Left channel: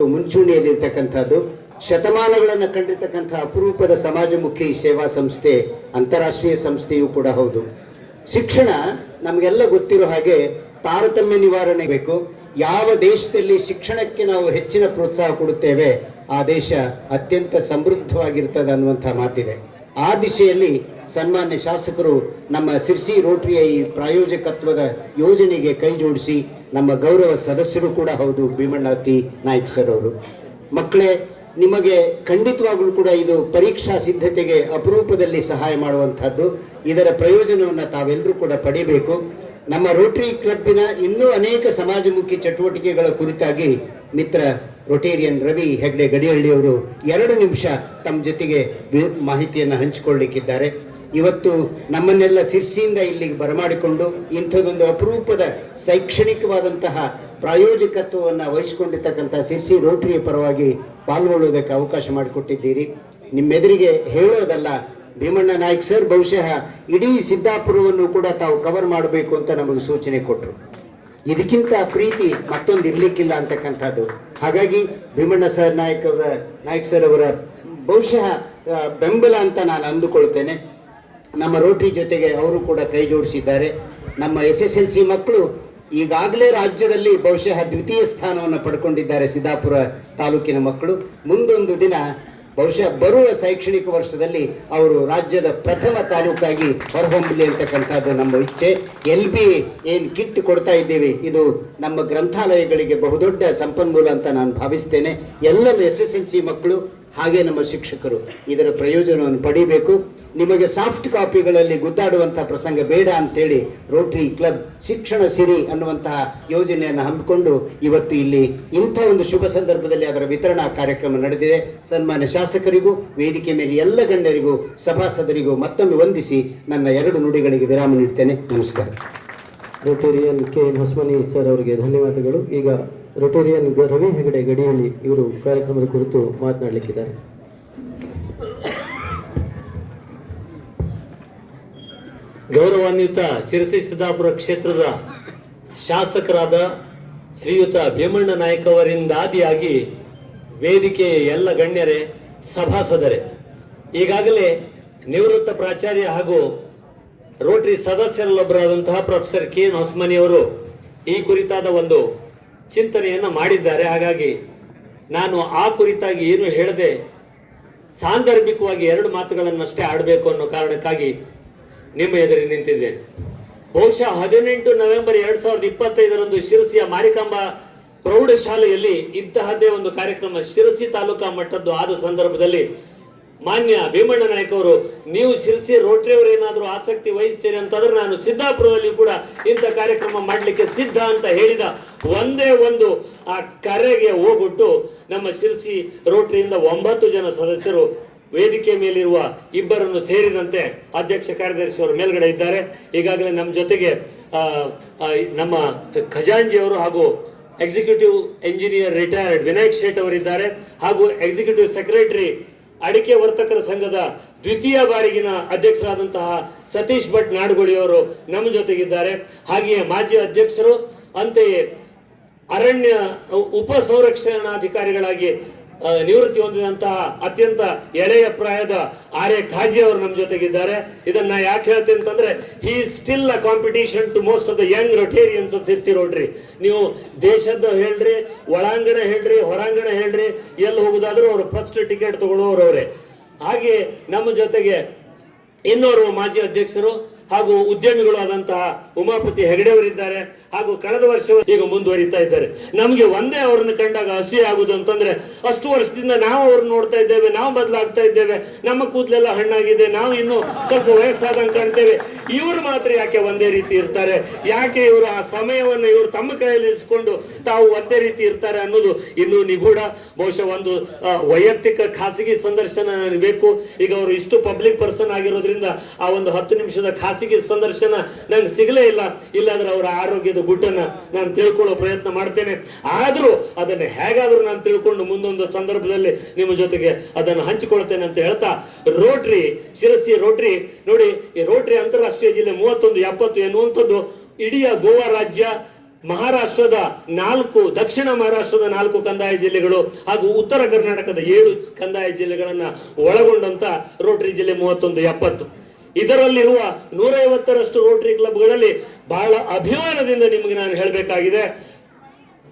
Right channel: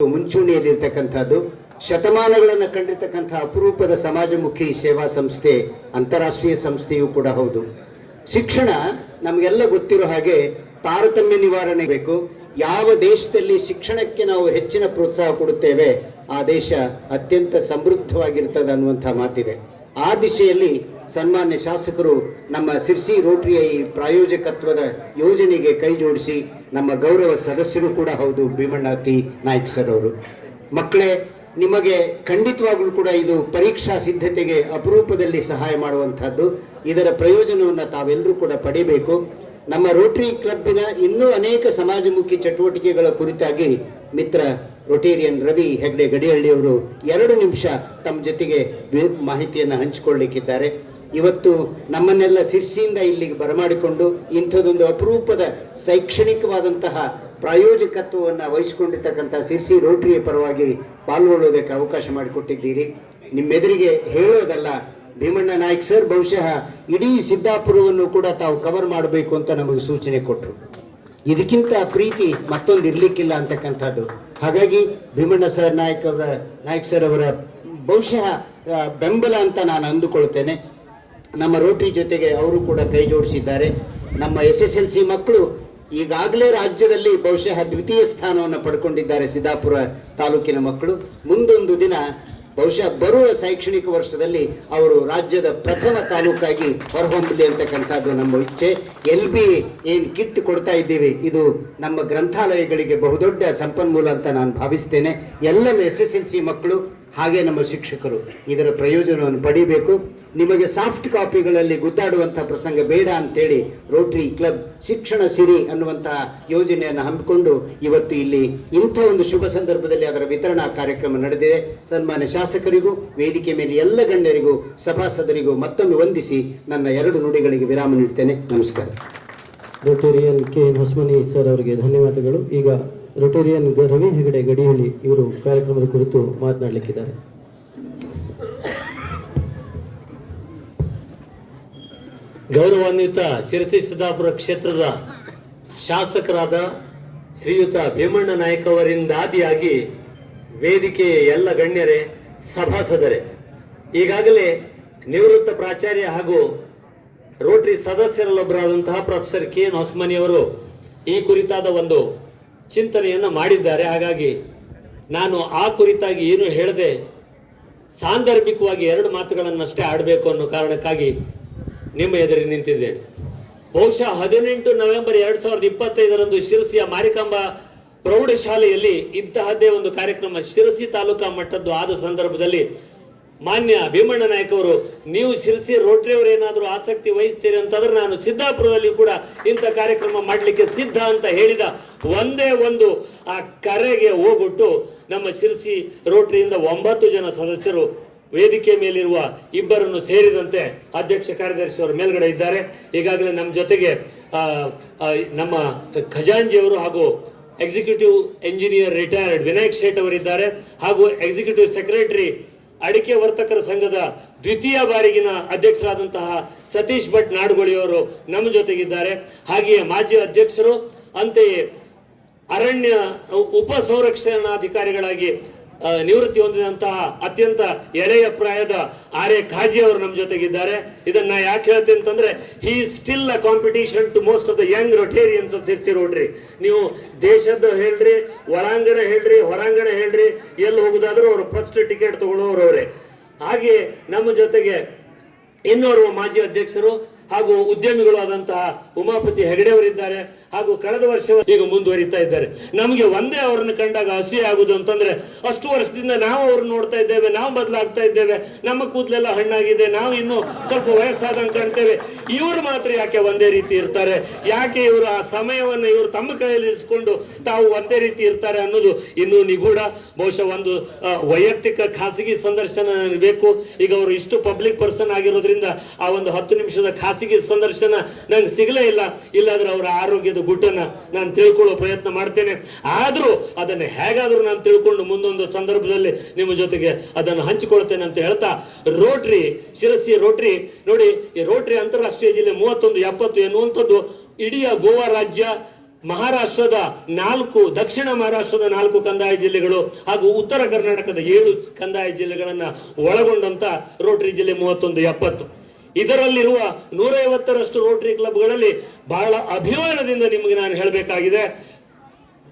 ಮುಂಚೂಣಿಯಲ್ಲಿರ್ತಕ್ಕಂಥದ್ದು, ಶತಮಾನಗಳನ್ನು ಕಂಡಿರ್ತಕ್ಕಂಥ ಅಪರೂಪದ ಸಮಾಜಮುಖಿ ಸೇವಾ ಸಂಸ್ಥೆ, ಅಂತಾರಾಷ್ಟ್ರೀಯ ಸಂಸ್ಥೆಯೂ ಕೂಡ ಹೌದು. ಶಿಕ್ಷಣ ನಮಗೆಲ್ಲ ಗೊತ್ತಿರೋ ಹಾಗೆ ತಾರತಮ್ಯ ನಿವಾರಣೆ ಬೇಕು. ಯಾವ ದೇಶದಲ್ಲಿ ಶಿಕ್ಷಣಕ್ಕೆ ನಾವು ಹೆಚ್ಚಿನ ಪ್ರೋತ್ಸಾಹ ಕೊಡುತ್ತೇವೆ ಆ ದೇಶ ಅತ್ಯಂತ ಸಮೃದ್ಧವಾಗಿರ್ತದೆ ಅನ್ನುವಂಥ ಮಾತಿದೆ. ಆ ದಿಶೆಯಲ್ಲಿ ಸನ್ಮಾನ್ಯ ಶಾಸಕರು ನಮ್ಮ ಸಿರ್ಸಿ ರೋಟರಿಯ ಈ ಪ್ರಾಯೋಜಕತ್ವದ ಯೋಜನೆಗೆ ಕೈ ಜೋಡಿಸಿ ನಮ್ಮ ಗೌರವ ಸದಸ್ಯರು ಕೂಡ ಹೌದು ಭೀಮಣ್ಣ ಟಿ ನಾಯ್ಕ್ ಸರ್ ಅವರು. ಮಕ್ಕಳೇ, ನಿಮಗೆ ಖಂಡಿತವಾಗ್ಲೂ ಕೂಡ ಇದು ಪರೀಕ್ಷಾ ಸಿದ್ಧತೆಗೆ ಅಪರೂಪದಲ್ಲಿ ಸಹಾಯ ಮಾಡುವಂಥದ್ದು. ಇದರ ಪ್ರಯೋಜನವನ್ನು ತಾವೆಲ್ಲರೂ ಕೂಡ ಪಡಿಬೇಕು. ನಮ್ಮ ರೋಟರಿ ಕ್ಲಬ್ಬಿನ ಇನ್ನೂ ಅನೇಕ ಸಮಾಜಮುಖಿ ಚಟುವಟಿಕೆಗಳ ಕುರಿತಾಗಿ ಮಿತ್ರ ರೋಟೇರಿಯನ್ ರವಿ ಹೆಗ್ಡೆ ಗಡಿಹಳ್ಳಿಯವರು 2 ನಿಮಿಷ ತಮ್ಮ ಜೊತೆಗೆ ಮಾಹಿತಿಯನ್ನು ಹಂಚಿಕೊಳ್ಳಲಿಕ್ಕಿದ್ದಾರೆ. ಇವತ್ತು ನಮ್ಮನ್ನೆಲ್ಲ ಸಿರ್ಸಿಯಿಂದ ಇಲ್ಲಿಗೆ ಬರಮಾಡಿಕೊಂಡು ಇಂಥದ್ದೊಂದು ಅಪರೂಪದ ಶೈಕ್ಷಣಿಕವಾದಂತಹ ಪ್ರಾಯೋಜಕತ್ವವನ್ನು ವಹಿಸಿಕೊಂಡಿರ್ತಕ್ಕಂಥ ಸಿರ್ಸಿ ರೋಟರಿಯ ಪರವಾಗಿ ಪಾಲ್ಗೊಳ್ಳುವುದಕ್ಕೆ ಅವಕಾಶ ಮಾಡಿಕೊಟ್ಟಿದ್ದೀರಿ. ನಿಮ್ಮೆದುರಿಗೆ ಹೇಳೋದಲ್ಲ, ಭೀಮಣ್ಣ ನಾಯ್ಕ್ ಸರ್ ಬಹುಶಃ ಇಡೀ ಸಿದ್ದಾಪುರವನ್ನು ಕೂಡ ತಾವು ಕವರ್ ಮಾಡಬೇಕು ಅಂತ ನಮಗೆ ಸೂಚನೆ ಕೊಟ್ಟರು. ಇದಕ್ಕಿಂತ ಪ್ರೀತಿ ಮತ್ತೊಂದು ಇರಲಿಕ್ಕಿಲ್ಲ ಅಂತಕ್ಕಂಥದ್ದು. ಹಾಗಾಗಿ ಭೀಮಣ್ಣ ಸರ್ ನಾಯ್ಕ್ ಸರ್ ಅವರ ಬಹುಶಃ ಬೆಂಬಲ ಅಂತ ನಾನು ಅಂದುಕೊಳ್ತೇನೆ. ನಮ್ಮ ರೋಟರಿ ಜೊತೆಗೆ ಅವರು ಕೂಡ ಕೈ ಜೋಡಿಸಿದ್ದಾರೆ. ನಮ್ಮ SSLC ಮಕ್ಕಳು ಈಗಾಗಲೇ ರಾಜ್ಯದಲ್ಲಿ ಬಹುಶಃ 2ಯ ಸ್ಥಾನವನ್ನು ಪಡ್ಕೊಂಡಿದ್ದಾರೆ. ಸಿದ್ದಾಪುರ ತಾಲೂಕಿನ ಮಕ್ಕಳು ಮುಂದೊಂದು ದಿನ ಬಹುಶಃ ಬರುವ ಶೈಕ್ಷಣಿಕ ವರ್ಷದಲ್ಲಿ ಅವರು ರಾಜ್ಯದ ಪ್ರಥಮ ತಾಲೂಕಾಗಿ ಹೊರಹೊಮ್ಮಲಿ ಅಂತಕ್ಕಂಥದ್ದು ನಮ್ಮ ಇಚ್ಛೆ. LB ಏನು ಕಿಟ್ ಕೊಡ್ತಾ ಇದ್ದೀವಿ, ಇದು ನಮ್ಮ ಗ್ರಂಥಾಲಯಗಳಿಗೆ ಬಹುದೊಡ್ಡ ಸಂಪನ್ಮೂಲ ಅಂತ ನಾನು ಭಾವಿಸ್ತೇನೆ. ಎಲ್ಲ SSLC ಮಕ್ಕಳು ಹಾಗೆ ನಮ್ಮ ಶಿಕ್ಷಕರು ಇದರ ಪ್ರಯೋಜನವನ್ನು ಪಡಿಬೇಕು. ನಿಮಗೆ ಸಾಫ್ಟ್ ಕಾಪಿಗಳಲ್ಲಿ ಗುದ್ದಾಡುವಂಥ ಪ್ರಸಂಗ ಬೇಡ ಅಂತೇಳಿ ರೋಟರಿ ಕ್ಲಬ್ ಶಿಕ್ಷಣ ಸಿರಿ ಅನ್ನುವಂತಹ ಯೋಜನೆಯನ್ನು ಹಮ್ಮಿಕೊಂಡು ಇವತ್ತು ಇಲ್ಲಿ ಇಂಥ ಒಂದು ಶುಭ ಸಂದರ್ಭದಲ್ಲಿ ಅದರ ವಿತರಣಾ ಕಾರ್ಯಕ್ರಮ ನಡೆದಿದೆ. ಸನ್ಮಾನ್ಯ ಶಾಸಕರಿಗೂ ವೇದಿಕೆ ಮೇಲೆ ಎಲ್ಲ ಗಣ್ಯರಿಗೂ ಸಭಾಸದರಿಗೂ ಮತ್ತೊಮ್ಮೆ ವಂದಿಸಿ ನನ್ನ 2 ನುಡಿಗಳಿಗೆ ವಿರಾಮ ನೀಡ್ತೇನೆ. ನಮಸ್ಕಾರ. ರೋಟೇರಿಯನ್ KN ಹೊಸಮನಿ ಸರ್ ಅವರಿಗೆ ಧನ್ಯವಾದಗಳು. ಈಗ ರೋಟೇರಿಯನ್ ರವಿ ಹೆಗಡೆ ಗಡಿಹಳ್ಳಿ ಇವರು ಕಾರ್ಯಕ್ರಮದ ಕುರಿತು ಮಾತನಾಡಲಿಕ್ಕಿದ್ದಾರೆ. ಗೌರವಾನ್ವಿತ ಶಿರಸಿ ಸಿದ್ದಾಪುರ ಕ್ಷೇತ್ರದ ಶಾಸಕರಾದ ಶ್ರೀಯುತ ಭೀಮಣ್ಣ ನಾಯ್ಕ ಅವರಿಂದ ಆದಿಯಾಗಿ ವೇದಿಕೆಯ ಎಲ್ಲ ಗಣ್ಯರೇ, ಸಭಾಸದರೇ, ಈಗಾಗಲೇ ನಿವೃತ್ತ ಪ್ರಾಚಾರ್ಯ ಹಾಗೂ ರೋಟರಿ ಸದಸ್ಯರಲ್ಲೊಬ್ಬರಾದಂತಹ ಪ್ರೊಫೆಸರ್ KN ಹೊಸಮನಿ ಅವರು ಈ ಕುರಿತಾದ ಒಂದು ಚಿಂತನೆಯನ್ನು ಮಾಡಿದ್ದಾರೆ. ಹಾಗಾಗಿ ನಾನು ಆ ಕುರಿತಾಗಿ ಏನು ಹೇಳದೆ ಸಾಂದರ್ಭಿಕವಾಗಿ 2 ಮಾತುಗಳನ್ನಷ್ಟೇ ಆಡಬೇಕು ಅನ್ನೋ ಕಾರಣಕ್ಕಾಗಿ ನಿಮ್ಮ ಎದುರಿಗೆ ನಿಂತಿದ್ದೇನೆ. ಬಹುಶಃ 18 ನವೆಂಬರ್ 2025ರಂದು ಶಿರಸಿಯ ಮಾರಿಕಾಂಬಾ ಪ್ರೌಢಶಾಲೆಯಲ್ಲಿ ಇಂತಹದ್ದೇ ಒಂದು ಕಾರ್ಯಕ್ರಮ ಶಿರಸಿ ತಾಲೂಕಾ ಮಟ್ಟದ್ದು ಆದ ಸಂದರ್ಭದಲ್ಲಿ ಮಾನ್ಯ ಭೀಮಣ್ಣ ನಾಯ್ಕ ಅವರು, ನೀವು ಶಿರಸಿ ರೋಟರಿ ಅವರು ಏನಾದರೂ ಆಸಕ್ತಿ ವಹಿಸ್ತೀರಿ ಅಂತಂದ್ರೆ ನಾನು ಸಿದ್ದಾಪುರದಲ್ಲಿ ಕೂಡ ಇಂಥ ಕಾರ್ಯಕ್ರಮ ಮಾಡಲಿಕ್ಕೆ ಸಿದ್ಧ ಅಂತ ಹೇಳಿದ ಒಂದೇ ಒಂದು ಆ ಕರೆಗೆ ಹೋಗ್ಬಿಟ್ಟು ನಮ್ಮ ಶಿರಸಿ ರೋಟರಿಯಿಂದ 9 ಜನ ಸದಸ್ಯರು ವೇದಿಕೆ ಮೇಲಿರುವ 2 ಸೇರಿದಂತೆ ಅಧ್ಯಕ್ಷ ಕಾರ್ಯದರ್ಶಿಯವರು ಮೇಲ್ಗಡೆ ಇದ್ದಾರೆ. ಈಗಾಗಲೇ ನಮ್ಮ ಜೊತೆಗೆ ನಮ್ಮ ಖಜಾಂಜಿಯವರು ಹಾಗೂ ಎಕ್ಸಿಕ್ಯೂಟಿವ್ ಎಂಜಿನಿಯರ್ ರಿಟೈರ್ಡ್ ವಿನಾಯಕ್ ಶೇಟ್ ಅವರಿದ್ದಾರೆ. ಹಾಗೂ ಎಕ್ಸಿಕ್ಯೂಟಿವ್ ಸೆಕ್ರೆಟರಿ ಅಡಿಕೆ ವರ್ತಕರ ಸಂಘದ 2ಯ ಬಾರಿಗಿನ ಅಧ್ಯಕ್ಷರಾದಂತಹ ಸತೀಶ್ ಭಟ್ ನಾಡುಗಳಿಯವರು ನಮ್ಮ ಜೊತೆಗಿದ್ದಾರೆ. ಹಾಗೆಯೇ ಮಾಜಿ ಅಧ್ಯಕ್ಷರು, ಅಂತೆಯೇ ಅರಣ್ಯ ಉಪ ಸಂರಕ್ಷಣಾಧಿಕಾರಿಗಳಾಗಿ ನಿವೃತ್ತಿ ಹೊಂದಿದಂತಹ ಅತ್ಯಂತ ಎಳೆಯ ಪ್ರಾಯದ ಆರ್ ಎ ಖಾಜಿ ಅವರು ನಮ್ಮ ಜೊತೆಗಿದ್ದಾರೆ. ಇದನ್ನ ಯಾಕೆ ಹೇಳ್ತೀನಿ ಅಂತಂದ್ರೆ, he is still a competition to most of the young Rotarians of Sirsi Rotary. ನೀವು ದೇಶದ ಹೇಳ್ರಿ, ಒಳಾಂಗಣ ಹೇಳ್ರಿ, ಹೊರಾಂಗಣ ಹೇಳ್ರಿ, ಎಲ್ಲಿ ಹೋಗುದಾದ್ರೂ ಅವರು ಫಸ್ಟ್ ಟಿಕೆಟ್ ತಗೊಳ್ಳುವವರು ಅವರೇ. ಹಾಗೆ ನಮ್ಮ ಜೊತೆಗೆ ಇನ್ನೋರ್ವ ಮಾಜಿ ಅಧ್ಯಕ್ಷರು ಹಾಗೂ ಉದ್ಯಮಿಗಳು ಆದಂತಹ ಉಮಾಪತಿ ಹೆಗಡೆ ಅವರಿದ್ದಾರೆ. ಹಾಗೂ ಕಳೆದ ವರ್ಷ ಈಗ ಮುಂದುವರಿತಾ ಇದ್ದಾರೆ. ನಮಗೆ ಒಂದೇ ಅವರನ್ನು ಕಂಡಾಗ ಅಸೂಯೆ ಆಗುದು ಅಂತಂದ್ರೆ, ಅಷ್ಟು ವರ್ಷದಿಂದ ನಾವು ಅವ್ರನ್ನ ನೋಡ್ತಾ ಇದ್ದೇವೆ, ನಾವು ಬದಲಾಗ್ತಾ ಇದ್ದೇವೆ, ನಮ್ಮ ಕೂದಲೆಲ್ಲ ಹಣ್ಣಾಗಿದೆ, ನಾವು ಇನ್ನು ಸ್ವಲ್ಪ ವಯಸ್ಸಾದಂಗೆ ಕಾಣ್ತೇವೆ, ಇವರು ಮಾತ್ರ ಯಾಕೆ ಒಂದೇ ರೀತಿ ಇರ್ತಾರೆ, ಯಾಕೆ ಇವರು ಆ ಸಮಯವನ್ನು ಇವರು ತಮ್ಮ ಕೈಯಲ್ಲಿ ಇರಿಸಿಕೊಂಡು ತಾವು ಒಂದೇ ರೀತಿ ಇರ್ತಾರೆ ಅನ್ನೋದು ಇನ್ನೂ ನಿಗೂಢ. ಬಹುಶಃ ಒಂದು ವೈಯಕ್ತಿಕ ಖಾಸಗಿ ಸಂದರ್ಶನ ಬೇಕು. ಈಗ ಅವರು ಇಷ್ಟು ಪಬ್ಲಿಕ್ ಪರ್ಸನ್ ಆಗಿರೋದ್ರಿಂದ ಆ ಒಂದು 10 ನಿಮಿಷದ ಖಾಸಗಿ ಸಂದರ್ಶನ ನಂಗೆ ಸಿಗಲೇ ಇಲ್ಲ. ಇಲ್ಲಾಂದ್ರೆ ಅವರ ಆರೋಗ್ಯದ ಗುಟ್ಟನ್ನ ನಾನು ತಿಳ್ಕೊಳ್ಳೋ ಪ್ರಯತ್ನ ಮಾಡ್ತೇನೆ. ಆದ್ರೂ ಅದನ್ನ ಹೇಗಾದ್ರೂ ನಾನು ತಿಳ್ಕೊಂಡು ಮುಂದೊಂದು ಸಂದರ್ಭದಲ್ಲಿ ನಿಮ್ಮ ಜೊತೆಗೆ ಅದನ್ನು ಹಂಚಿಕೊಳ್ತೇನೆ ಅಂತ ಹೇಳ್ತಾ, ರೋಟರಿ ಶಿರಸಿ ರೋಟರಿ ನೋಡಿ, ಈ ರೋಟರಿ ಅಂತಾರಾಷ್ಟ್ರೀಯ ಜಿಲ್ಲೆ 3170 ಎನ್ನುವಂಥದ್ದು ಇಡೀ ಗೋವಾ ರಾಜ್ಯ ಮಹಾರಾಷ್ಟ್ರದ 4 ದಕ್ಷಿಣ ಮಹಾರಾಷ್ಟ್ರದ 4 ಕಂದಾಯ ಜಿಲ್ಲೆಗಳು ಹಾಗೂ ಉತ್ತರ ಕರ್ನಾಟಕದ 7 ಕಂದಾಯ ಜಿಲ್ಲೆಗಳನ್ನ ಒಳಗೊಂಡಂತ ರೋಟರಿ ಜಿಲ್ಲೆ 3170. ಇದರಲ್ಲಿರುವ 150ರಷ್ಟು ರೋಟರಿ ಕ್ಲಬ್ಗಳಲ್ಲಿ ಬಹಳ ಅಭಿಮಾನದಿಂದ ನಿಮಗೆ ನಾನು ಹೇಳಬೇಕಾಗಿದೆ,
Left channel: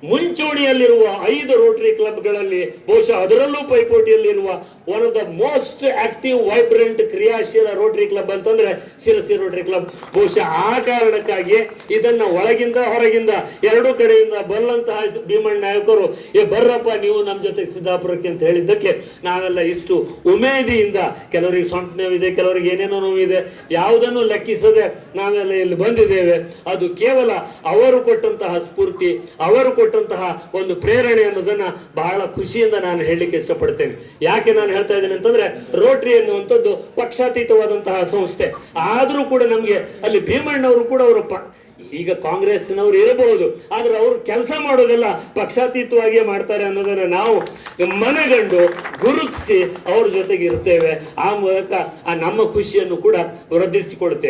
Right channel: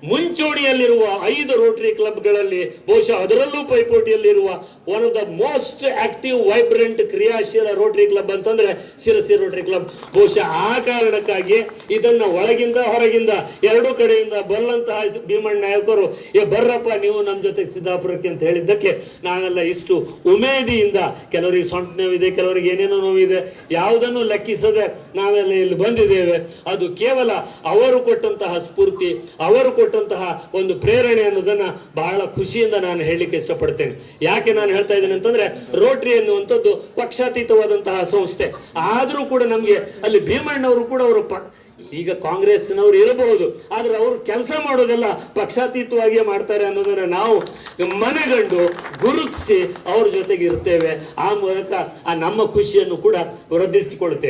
ಮುಂಚೂಣಿಯಲ್ಲಿರುವ 5 ರೋಟರಿ ಕ್ಲಬ್ಗಳಲ್ಲಿ ಬಹುಶಃ ಅದರಲ್ಲೂ ಪೈಪೋಟಿಯಲ್ಲಿರುವ one of the most active vibrant ಕ್ರಿಯಾಶೀಲ ರೋಟರಿ ಕ್ಲಬ್ ಅಂತಂದ್ರೆ ಶಿರಸಿ ರೋಟರಿ ಕ್ಲಬ್. ಬಹುಶಃ ಆ ಕಾರಣಕ್ಕಾಗಿ ಇದನ್ನ ಒಳಗಿಂದ ಹೊರಗಿಂದ 2 ಕಡೆಯಿಂದ ಬರಲಂತಹ ಭೀಮಣ್ಣ ನಾಯಕರು ಬರ್ರಪ್ಪ ನೀವು ನಮ್ಮ ಜೊತೆ ಸಿದ್ದಾಪುರಕ್ಕೆ ಅಂತ ಹೇಳಿದ್ದಕ್ಕೆ ನಾವೆಲ್ಲ ಇಷ್ಟು ಉಮೇದಿಯಿಂದ, ಕೆಲವರಿಗೆ ಸೊಂಟ ನೋವಿದೆ, ಕೆಲವರಿಗೆ ಏನೇನೋ ನೋವಿದೆ, ಯಾವುದನ್ನು ಲೆಕ್ಕಿಸದೆ ನಾವೆಲ್ಲ ಇಲ್ಲಿ ಬಂದಿದ್ದೇವೆ. ಅದು ಕೇವಲ ಅವರು ಕೊಟ್ಟಂತಹ ಸ್ಫೂರ್ತಿ, ಅವರು ಕೊಟ್ಟಂತಹ ಒಂದು ಪ್ರೇರಣೆ ಅನ್ನೋದನ್ನ ಬಹಳ ಖುಷಿಯಿಂದ ನಾನು ಹೇಳಲಿಕ್ಕೆ ಇಷ್ಟಪಡ್ತೇನೆ. ಯಾಕೆ ನಾನು ಹೇಳ್ತಾ ಇದ್ದೇನೆ ಅಂತಂದ್ರೆ, ರೋಟರಿ ಎನ್ನುವಂಥದ್ದು ಪಕ್ಷಾತೀತವಾದಂತಹ ಸಂಸ್ಥೆ. ಆದ್ರೂ ಕೂಡ ನಮ್ಗೆ ಅಲ್ಲಿ ಭೀಮಣ್ಣವರು ಕೂಡ ಅವರು ಈಗ ಕಾಂಗ್ರೆಸ್ನವ್ರು ಇರಬಹುದು, ಆದ್ರೆ ಅವರು ಕೆಲಸ ಮಾಡೋದೆಲ್ಲ ಪಕ್ಷಾತೀತವಾಗಿಯೇ ಮಾಡ್ತಾರೆ ಅನ್ನೋದನ್ನ ನಾವು ಮನಗಂಡು ಗುರುತಿಸಿ ಅವ್ರ ಜೊತೆಗೆ ಇರ್ತೇವೆ. ಆ ಮೂಲಕ ಆ ನಮ್ಮ ಖುಷಿಯನ್ನು ಕೂಡ ವೃದ್ಧಿಸಿಕೊಳ್ತೇವೆ.